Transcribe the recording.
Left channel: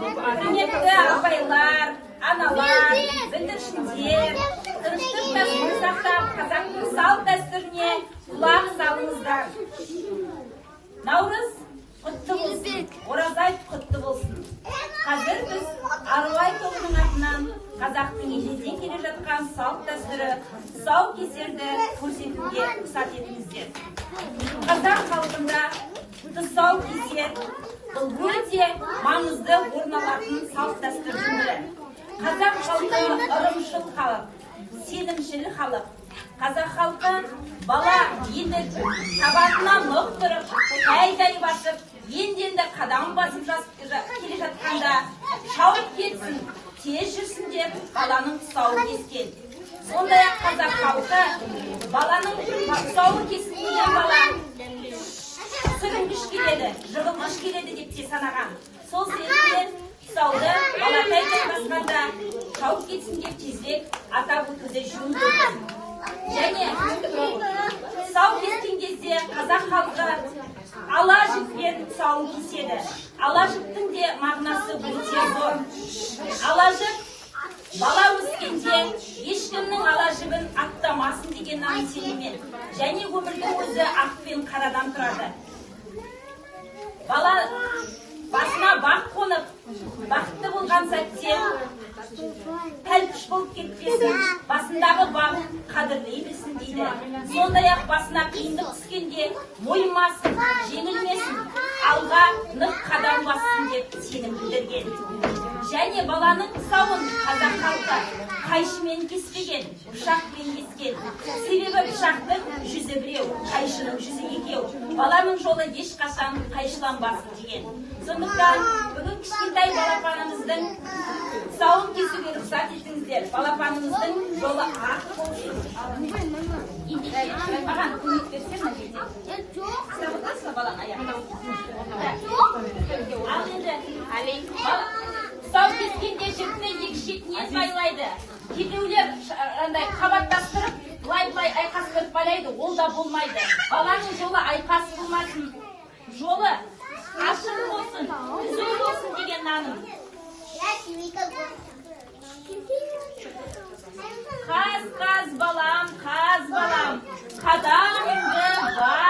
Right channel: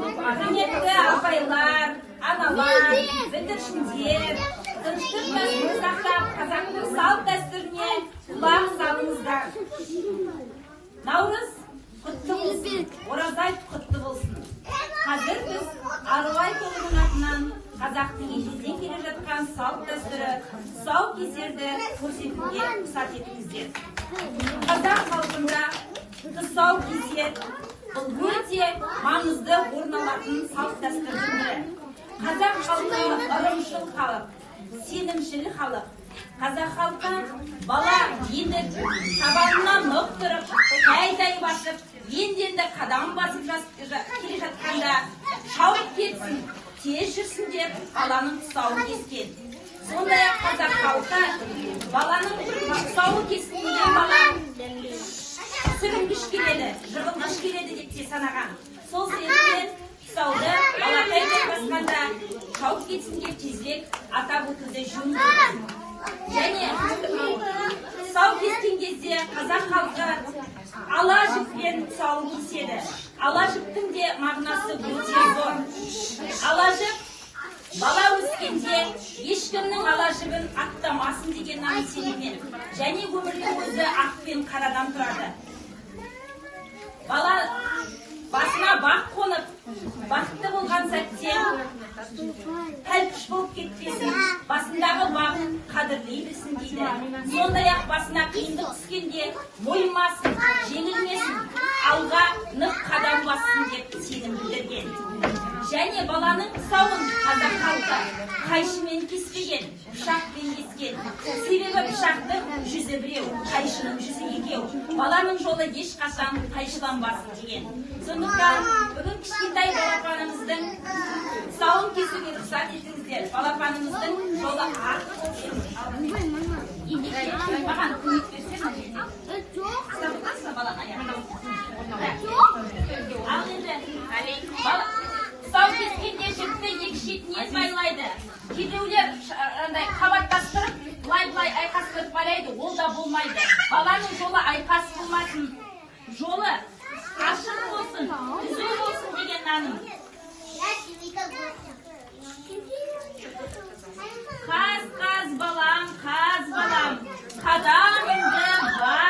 Құрметті апайлар, аналар, бүлдіршіндер, тыныштық сақтап қазақтың салт дәстүріне құлақ салыңыздар. Наурыз құтты болсын, оразай құтты болсын. Қазір біз Арулай тобының атынан қазақтың ежелден келе жатқан салт дәстүрі тұсаукесерді көрсетуге рұқсат етіңіздер. Қазақ халқында тұсаукесер бұл өте маңызды орын алатын салт дәстүрдің бірі. Қазақ халқы ырымшыл халық, сенімшіл халық. Қазақ халқы бала енді табанынан нық тұрып, тай басып, енді қадам басып келе жатқанда шауып кетсін, тез жүрсін деп баланың тұсауын кескен. Сондай-ақ қазақ халқы баланың тұсауын кесілген бала сүрінгіш келеді, жығылғыш келеді деп те санаған. Сол себептен тұсауды балатай басқанда шауып кетсін деп тезірек атап өтуді жөн көрген. Және тұсау кескен кезде қазақ халқы ала жіппен тұсауын кеседі. Ала жіптің де мағынасы өте зор. Ала жіп бала өскенде ешкімнің ала жібін аттамасын деген сеніммен, және өмірдің өзі ақ пен қарадан тұрады. Бала басына бақ қонып, бақытты болған сәтте тәлпіш болып кетпесін, басындағы бағын қадірлей білсін дейді. Сондай-ақ басына қиындық түскенде мойымасын, жеңілмесін, алға нық қадам бассын деп сенім білдірген. Және баланың тұсауын қазақ халқы қайшымен кеспеген, пышақпен кескен. Себебі пышақтың жүзі біреу, қайшының жүзі екеу. Баланың жолы ешқашан қайшыланбасын деген. Сондықтан бүгін кішкентай балапанымыздың тұсауын кесуге рұқсат етіңіздер. Балапанымыздың жолы ақ болсын. Маған көмек берсең, кітап отырсың балаң аяқ. Ал енді тұсау кескенде жіпті екі шетінен байлайды. Кейбіреулер қабаттастырып, былай айқастырып байлайды, ол да болмайды. Баланың жолы айқас болмасын, жолы ашық болсын, түзу болсын деген наным. Қаз балам, қадам енді бар.